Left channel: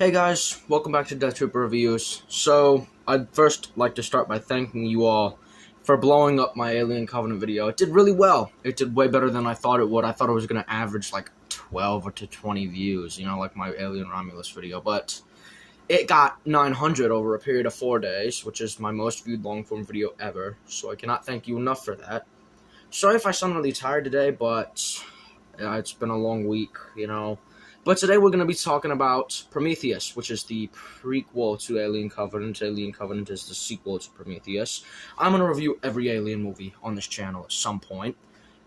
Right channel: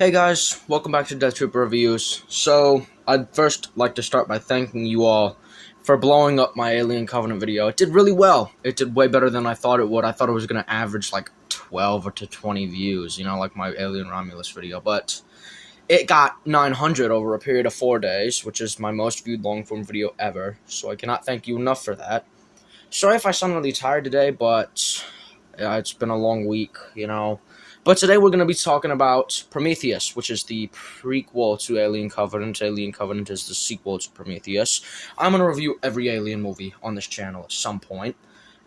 Hey guys, welcome back to Death Troop Reviews. So, I'd first like to start by thanking you all for blowing up my Alien Covenant video. It did really well. It did way better than I thought it would. I thought it was going to average like 12 to 20 views, like my Alien Romulus video, but it got 900 over a period of 4 days, which is my most viewed long-form video ever, so I cannot thank you enough for that. Sorry if I sound really tired today, but it's been a long week. But today we're going to be talking about Prometheus, which is the prequel to Alien Covenant. Alien Covenant is the sequel to Prometheus. I'm going to review every Alien movie on this channel at some point.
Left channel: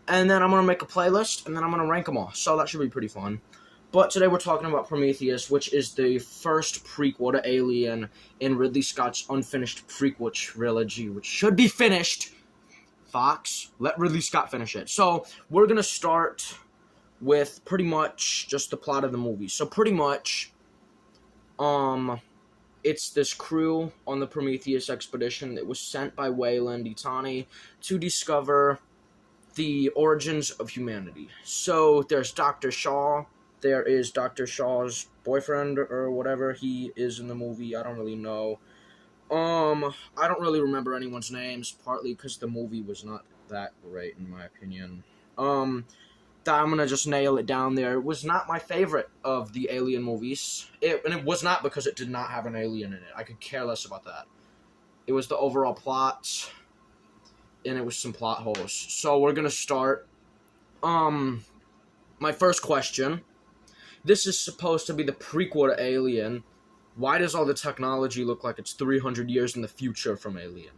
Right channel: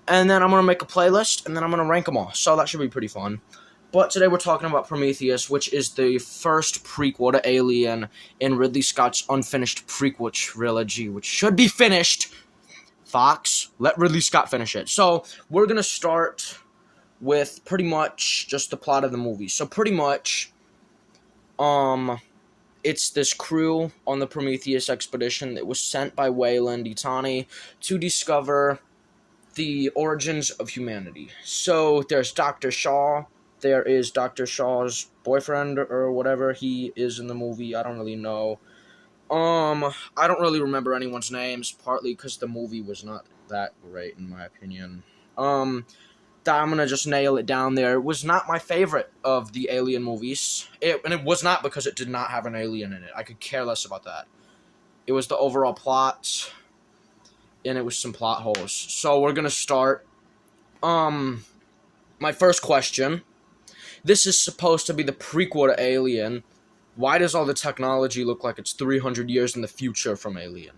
And then I'm going to make a playlist, and then I'm going to rank them all. So that should be pretty fun. But today we're talking about Prometheus, which is the first prequel to Alien in Ridley Scott's unfinished prequel trilogy, which should be finished. Fox, let Ridley Scott finish it. So we're going to start with pretty much just the plot of the movie. So pretty much, it's this crew on the Prometheus expedition that was sent by Weyland-Yutani to discover the origins of humanity. So there's Dr. Shaw. There is Dr. Shaw's boyfriend or whatever he is in the movie. I don't really know. I don't really remember anyone's names, partly because the movie was not that great in my opinion. I'm gonna just nail it down there. It was not my favorite of the Alien movies. And it was not because it did not have an alien in it. I could care less about that. It was the overall plot, and it was some plot holes. So we're gonna start. My first question. This is supposed to be the prequel to Alien. Why does all the technology look like it's 300 years in the future from Alien?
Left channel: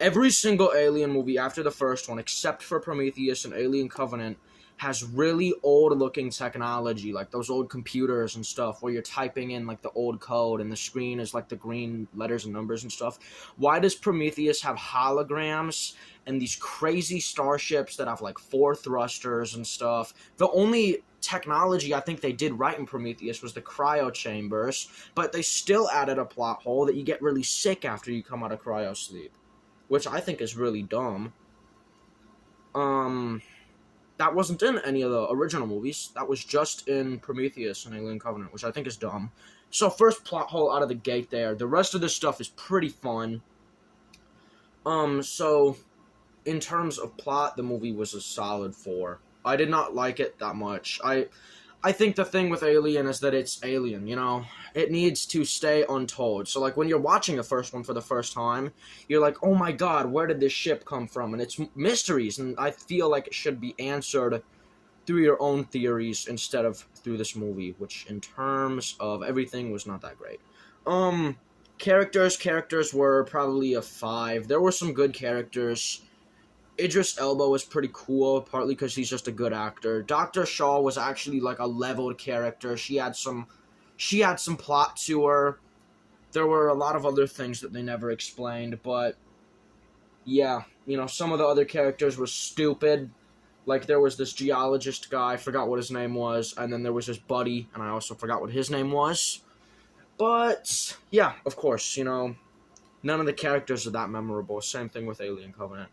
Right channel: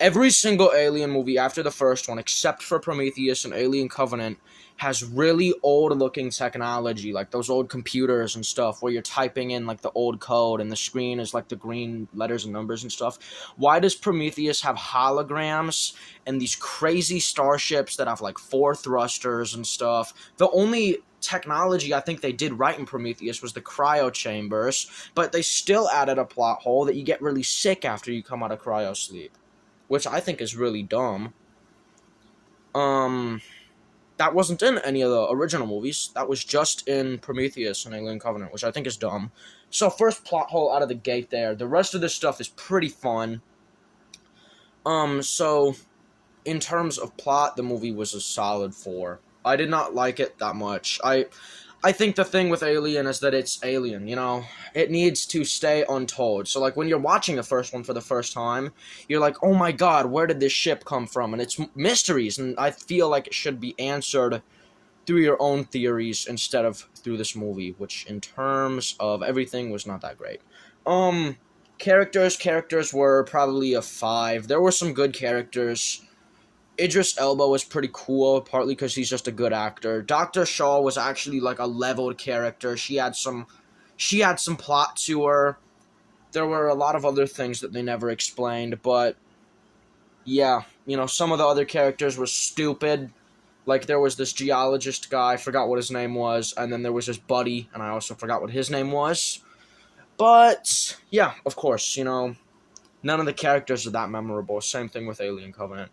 Every single Alien movie after the first one, except for Prometheus and Alien Covenant, has really old-looking technology, like those old computers and stuff, where you're typing in, like, the old code, and the screen is, like, the green letters and numbers and stuff. Why does Prometheus have holograms and these crazy starships that have, like, 4 thrusters and stuff? The only technology I think they did right in Prometheus was the cryo chambers, but they still added a plot hole that you get really sick after you come out of cryo sleep, which I think is really dumb. That wasn't in any of the original movies. That was just in Prometheus and Alien Covenant, which I think is dumb. So first plot hole out of the gate there. The rest of this stuff is pretty fun. So in terms of plot, the movie was a solid 4. I did not like it that much. I think the thing with Alien is that it's Alien, It needs to stay untold. So, like, when you're watching the first one for the first time, you're like, oh my god, where did this ship come from? And it's mysteries, and I feel like it should be answered through your own theories instead of through this movie, which, in terms of everything, was not that great. Characters were probably a 5. There were some good characters. Idris Elba was pretty cool, partly because he's just a good actor. Dr. Shaw was actually like a leveled character. She had some plot to her. There were a lot of other things that they never explained, but yeah, some of the other characters were stupid. Like, there was this geologist guy, I forgot what his name was, and then there was his buddy, and I also forgot what his name was. But yeah, of course, none of the characters are that memorable. Same thing with Alien Covenant.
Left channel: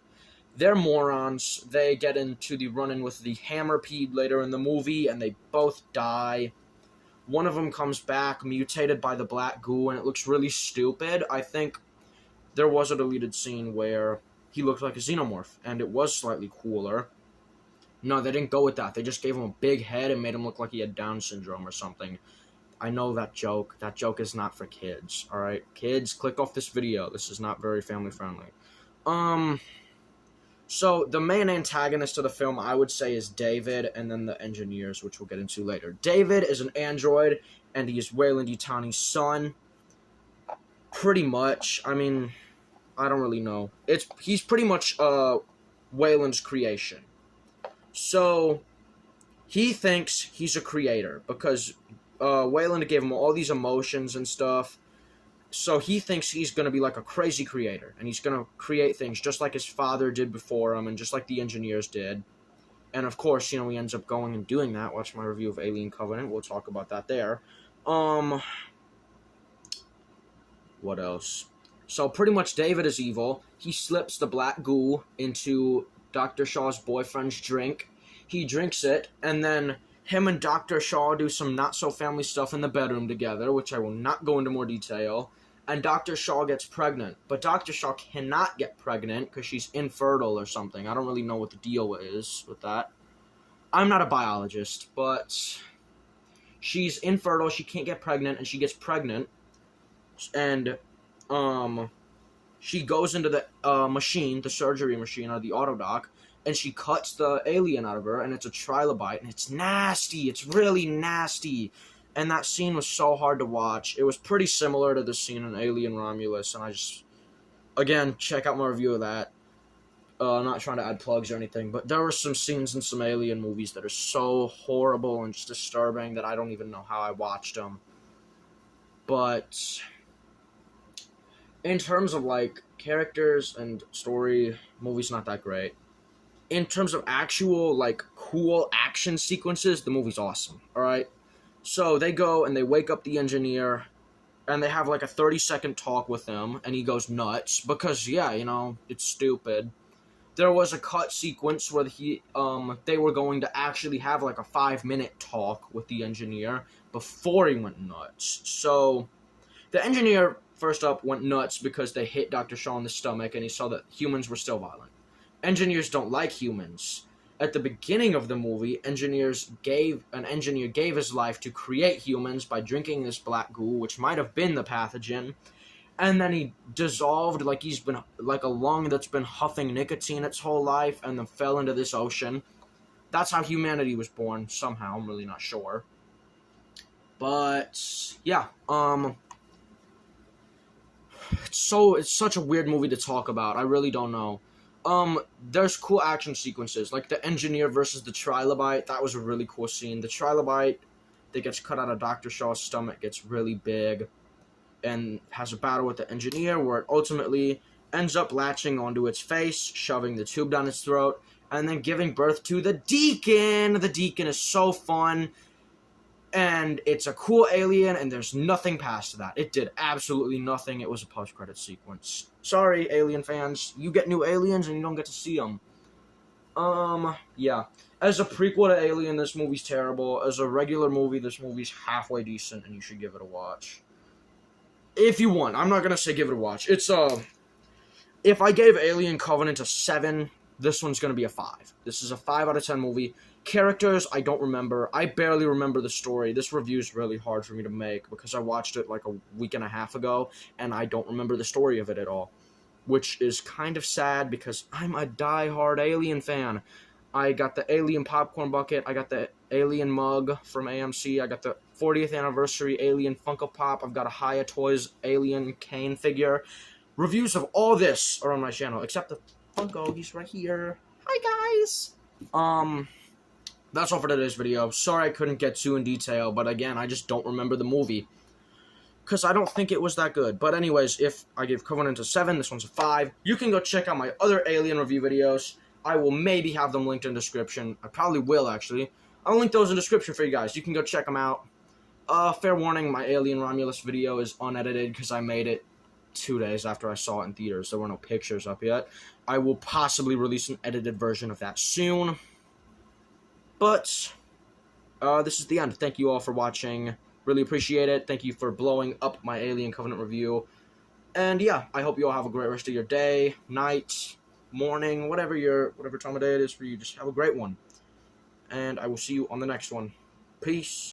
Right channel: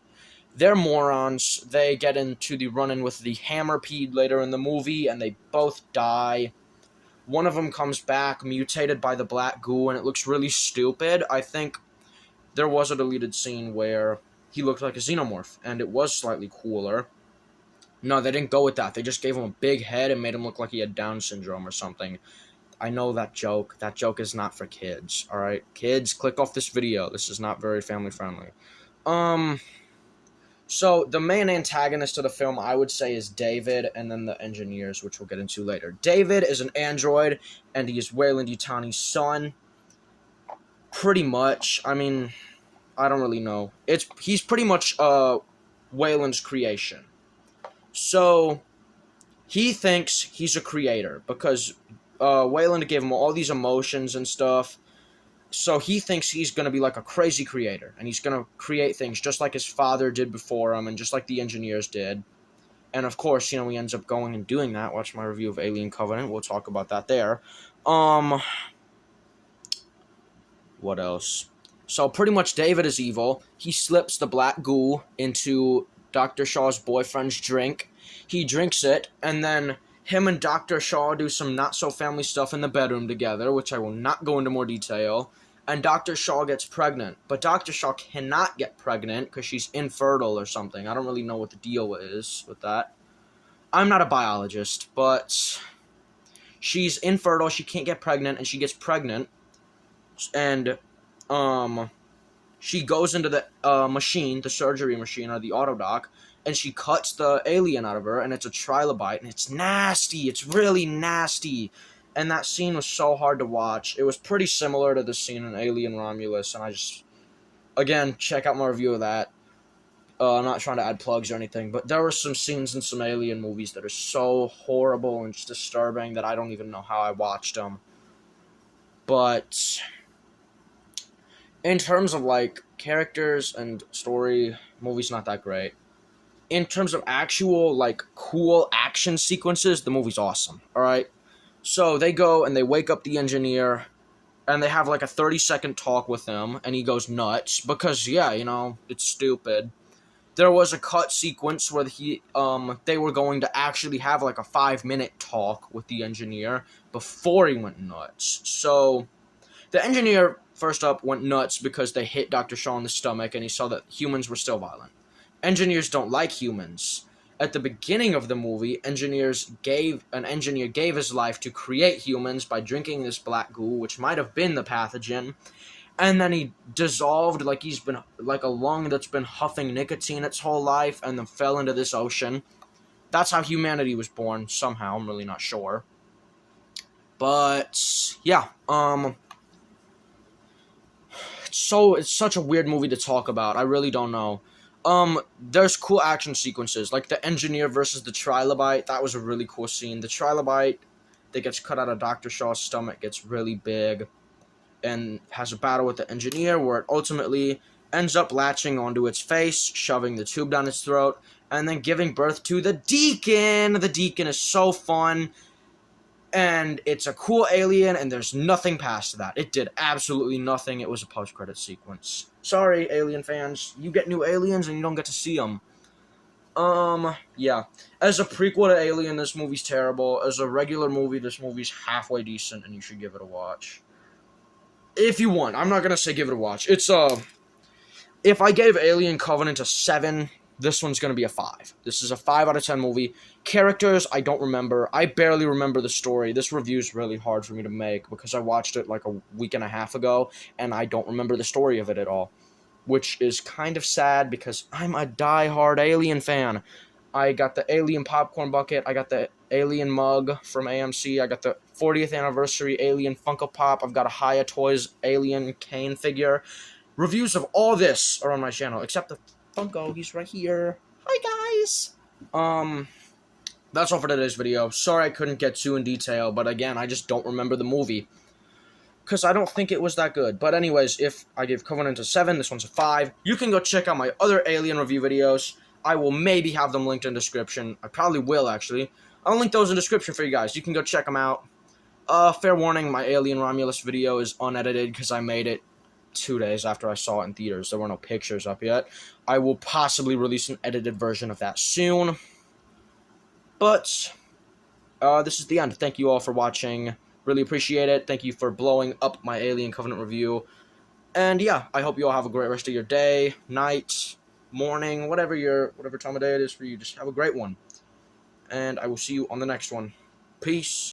They're morons. They get into the run-in with the Hammerpede later in the movie, and they both die. One of them comes back mutated by the black goo, and it looks really stupid. I think there was a deleted scene where he looked like a xenomorph, and it was slightly cooler. No, they didn't go with that. They just gave him a big head and made him look like he had Down syndrome or something. I know that joke. That joke is not for kids, alright? Kids, click off this video. This is not very family-friendly. So, the main antagonist of the film, I would say, is David, and then the engineers, which we'll get into later. David is an android, and he is Weyland-Yutani's son. Pretty much. I mean, I don't really know. He's pretty much Weyland's creation. So, he thinks he's a creator, because Weyland gave him all these emotions and stuff. So he thinks he's going to be like a crazy creator, and he's going to create things just like his father did before him, and just like the engineers did. And of course, he ends up going and doing that. Watch my review of Alien Covenant. We'll talk about that there. What else? So pretty much David is evil. He slips the black goo into Dr. Shaw's boyfriend's drink. He drinks it, and then Him and Dr. Shaw do some not-so-family stuff in the bedroom together, which I will not go into more detail. And Dr. Shaw gets pregnant. But Dr. Shaw cannot get pregnant because she's infertile or something. I don't really know what the deal is with that. I'm not a biologist, but she's infertile, she can't get pregnant, and she gets pregnant. And, she goes into the machine, the surgery machine, or the autodoc, and she cuts the alien out of her, and it's a trilobite, and it's nasty. It's really nasty. And that scene was so hard to watch. It was pretty similar to the scene in Alien Romulus, and I just... Again, check out my review of that. I'm not trying to add plugs or anything, but there were some scenes in some Alien movies that are so horrible and just disturbing that I don't even know how I watched them. But... in terms of, like, characters and story, movie's not that great. In terms of actual, like, cool action sequences, the movie's awesome, alright? So, they go and they wake up the engineer, and they have, like, a 30-second talk with him, and he goes nuts, because, yeah, you know, it's stupid. There was a cut sequence where they were going to actually have, like, a 5-minute talk with the engineer before he went nuts. So, the engineer... first up, went nuts because they hit Dr. Shaw in the stomach and he saw that humans were still violent. Engineers don't like humans. At the beginning of the movie, an engineer gave his life to create humans by drinking this black goo, which might have been the pathogen, and then he dissolved like he's been like a lung that's been huffing nicotine its whole life and then fell into this ocean. That's how humanity was born, somehow. I'm really not sure. But, yeah, it's such a weird movie to talk about. I really don't know. There's cool action sequences, like the engineer versus the trilobite. That was a really cool scene. The trilobite that gets cut out of Dr. Shaw's stomach gets really big and has a battle with the engineer where it ultimately ends up latching onto its face, shoving the tube down its throat, and then giving birth to the Deacon. The Deacon is so fun. And it's a cool alien, and there's nothing past that. It did absolutely nothing. It was a post-credit sequence. Sorry, Alien fans. You get new aliens, and you don't get to see them. Yeah. As a prequel to Alien, this movie's terrible. As a regular movie, this movie's halfway decent, and you should give it a watch. If you want. I'm not gonna say give it a watch. It's, if I gave Alien Covenant a 7, this one's gonna be a 5. This is a 5 out of 10 movie. Characters, I don't remember. I barely remember the story. This review's really hard for me to make because I watched it like a week and a half ago, and I don't remember the story of it at all. Which is kind of sad because I'm a die-hard Alien fan. I got the Alien popcorn bucket. I got the Alien mug from AMC. I got the 40th anniversary Alien Funko Pop. I've got a Hiya Toys Alien Kane figure. Reviews of all this are on my channel, except the Funko. He's right here. Hi, guys! That's all for today's video. Sorry I couldn't get too in detail, but again, I just don't remember the movie. Because I don't think it was that good. But anyways, if I gave Covenant a 7, this one's a 5. You can go check out my other Alien review videos. I will maybe have them linked in the description. I probably will, actually. I'll link those in the description for you guys. You can go check them out. Fair warning, my Alien Romulus video is unedited because I made it 2 days after I saw it in theaters. There were no pictures up yet. I will possibly release an edited version of that soon. But, this is the end. Thank you all for watching. Really appreciate it. Thank you for blowing up my Alien Covenant review. And yeah, I hope you all have a great rest of your day, night, morning, whatever time of day it is for you. Just have a great one. And I will see you on the next one. Peace.